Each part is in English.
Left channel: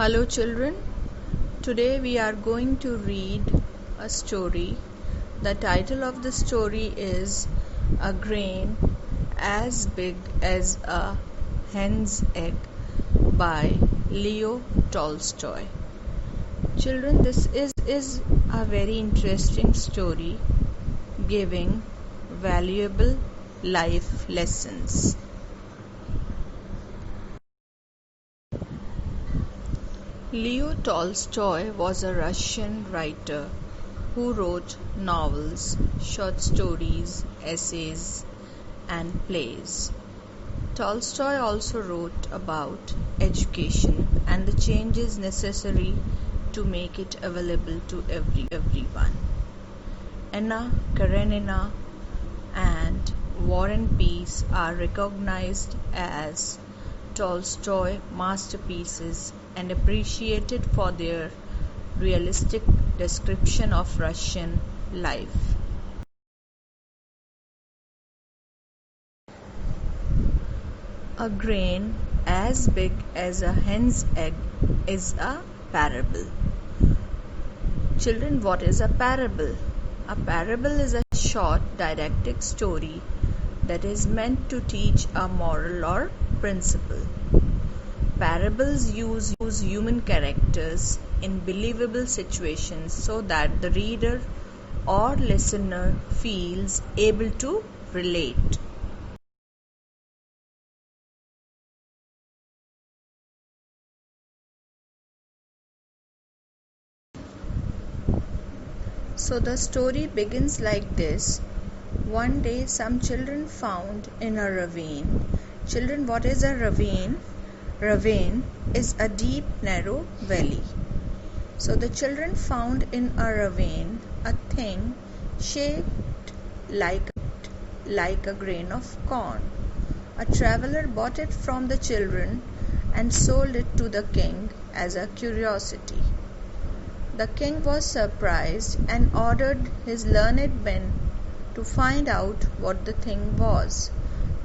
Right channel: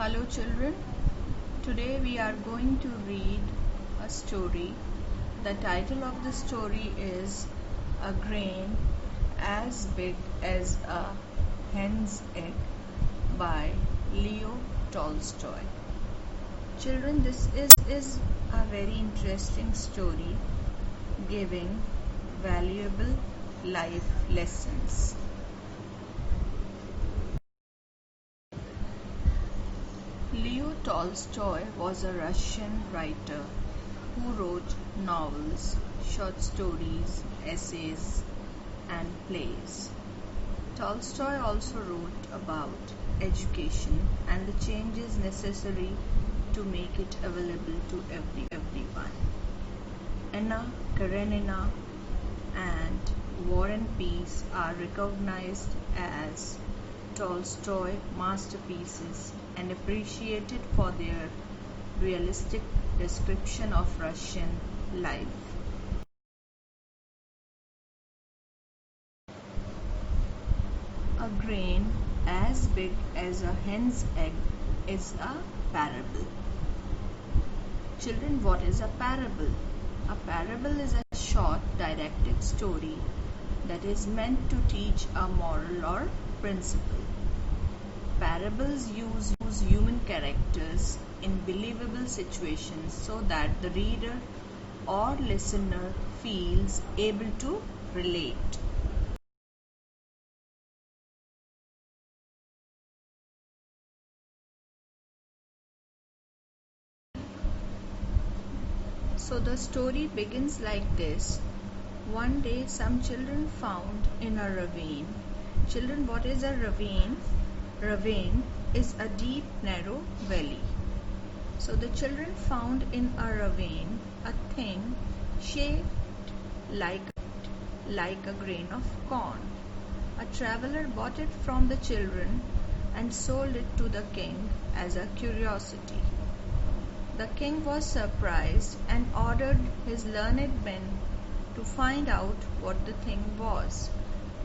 Hello children, today we are going to read a story. The title of the story is A Grain as Big as a Hen's Egg by Leo Tolstoy. Children, this is a very interesting story giving valuable life lessons. Leo Tolstoy was a Russian writer who wrote novels, short stories, essays, and plays. Tolstoy also wrote about education and the changes necessary to make it available to everyone. Anna Karenina and War and Peace are recognized as Tolstoy masterpieces and appreciated for their realistic description of Russian life. A grain as big as a hen's egg is a parable. Children, what is a parable? A parable is a short didactic story that is meant to teach a moral or principle. Parables use human characters in believable situations so that the reader or listener feels able to relate. So the story begins like this. One day some children found in a ravine. Children, what is a ravine? Ravine is a deep, narrow valley. So the children found in a ravine a thing shaped like a grain of corn. A traveler bought it from the children and sold it to the king as a curiosity. The king was surprised and ordered his learned men to find out what the thing was.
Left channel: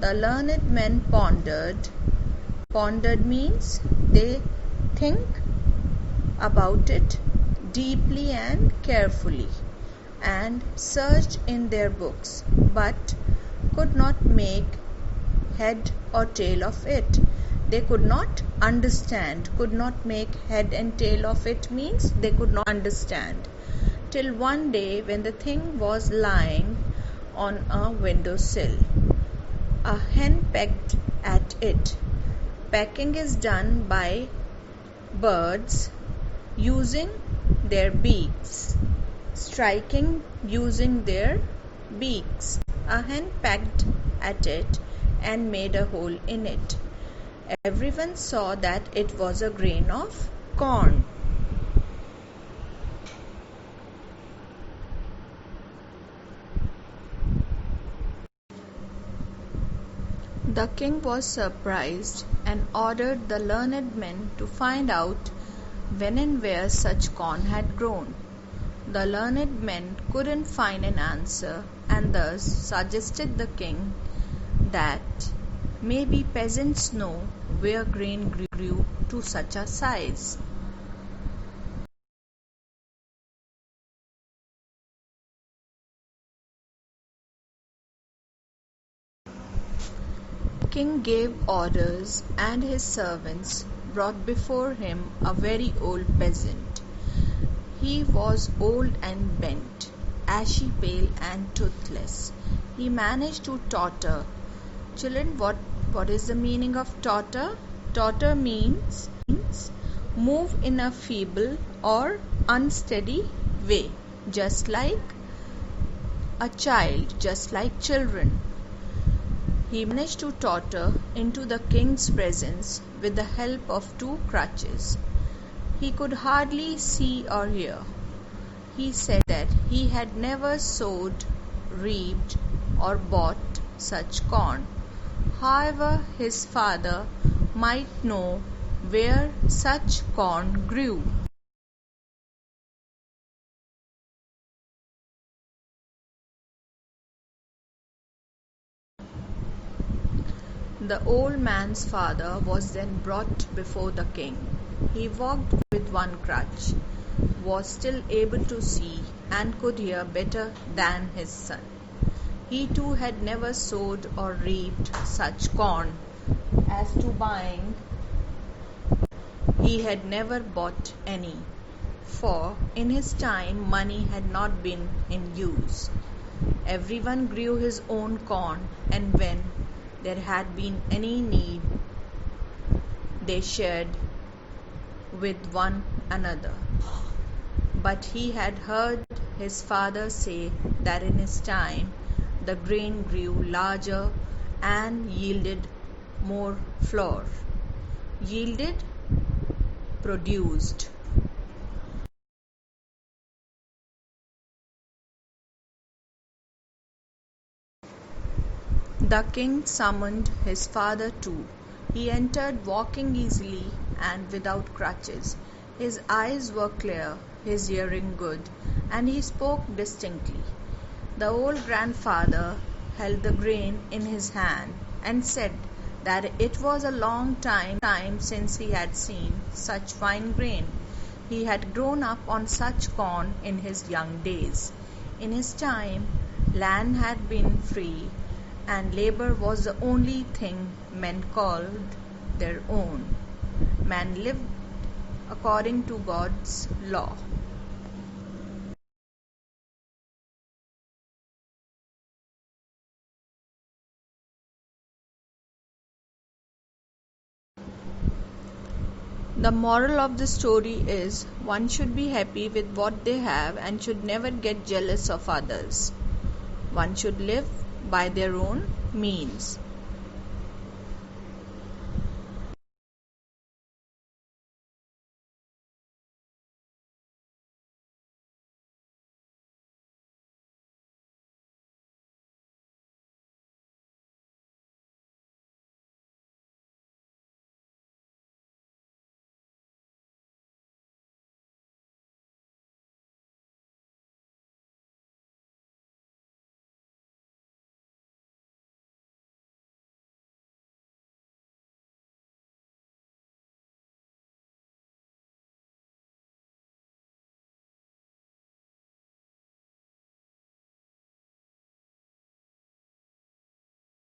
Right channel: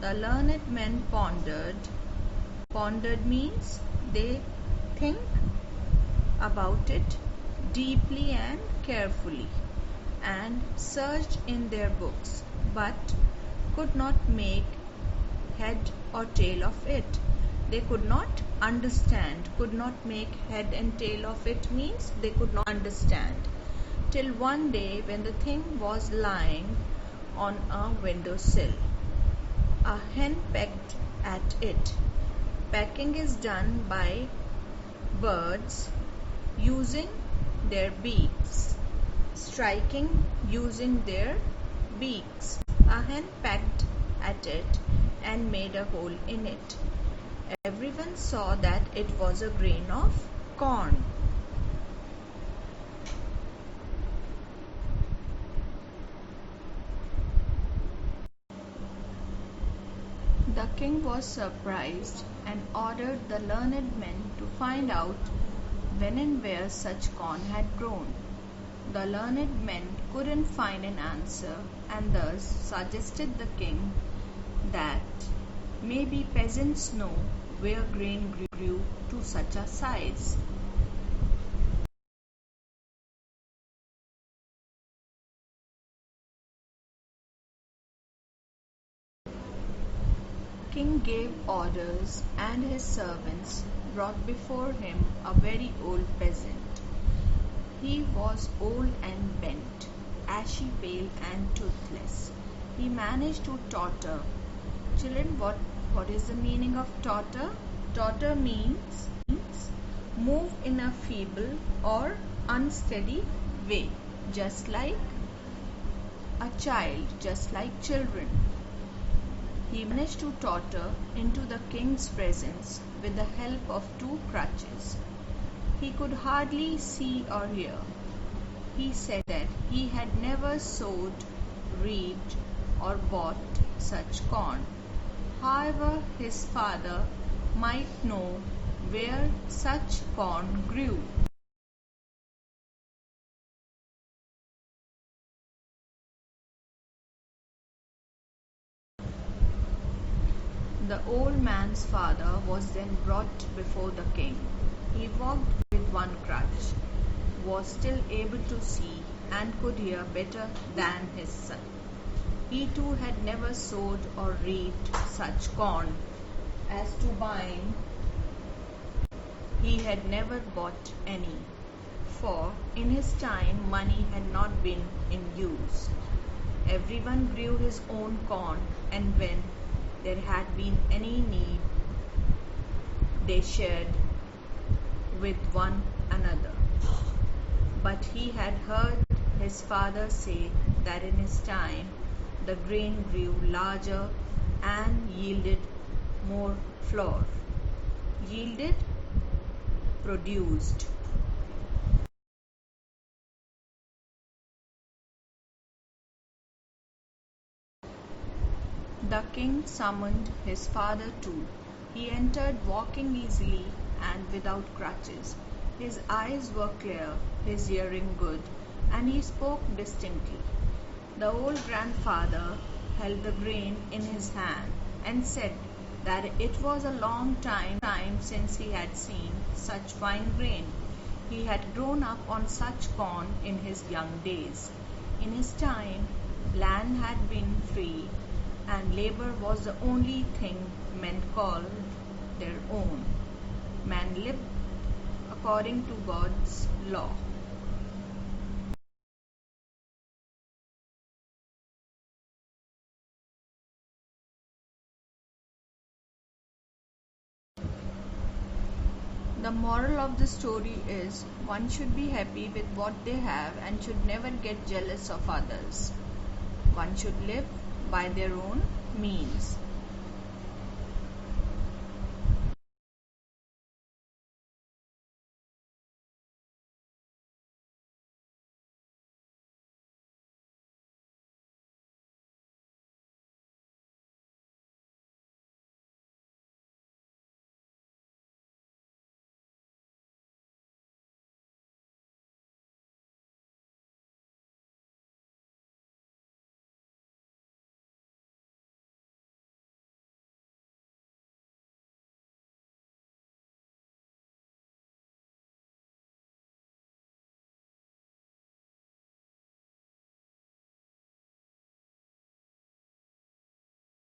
The learned men pondered. Pondered means they think about it deeply and carefully and searched in their books but could not make head or tail of it. They could not understand. Could not make head and tail of it means they could not understand. Till one day when the thing was lying on a windowsill, a hen pecked at it. Pecking is done by birds using their beaks, striking using their beaks. A hen pecked at it and made a hole in it. Everyone saw that it was a grain of corn. The king was surprised and ordered the learned men to find out when and where such corn had grown. The learned men couldn't find an answer and thus suggested the king that maybe peasants know where grain grew to such a size. King gave orders and his servants brought before him a very old peasant. He was old and bent, ashy pale and toothless. He managed to totter. Children, what is the meaning of totter? Totter means move in a feeble or unsteady way, just like a child, just like children. He managed to totter into the king's presence with the help of two crutches. He could hardly see or hear. He said that he had never sowed, reaped, or bought such corn. However, his father might know where such corn grew. The old man's father was then brought before the king. He walked with one crutch, was still able to see, and could hear better than his son. He too had never sowed or reaped such corn as to bind. He had never bought any, for in his time money had not been in use. Everyone grew his own corn, and when there had been any need, they shared with one another. But he had heard his father say that in his time the grain grew larger and yielded more flour. Yielded, produced. The king summoned his father too. He entered walking easily and without crutches. His eyes were clear, his hearing good, and he spoke distinctly. The old grandfather held the grain in his hand and said that it was a long time since he had seen such fine grain. He had grown up on such corn in his young days. In his time, land had been free, and labor was the only thing men called their own. Man lived according to God's law. The moral of the story is one should be happy with what they have and should never get jealous of others. One should live by their own means.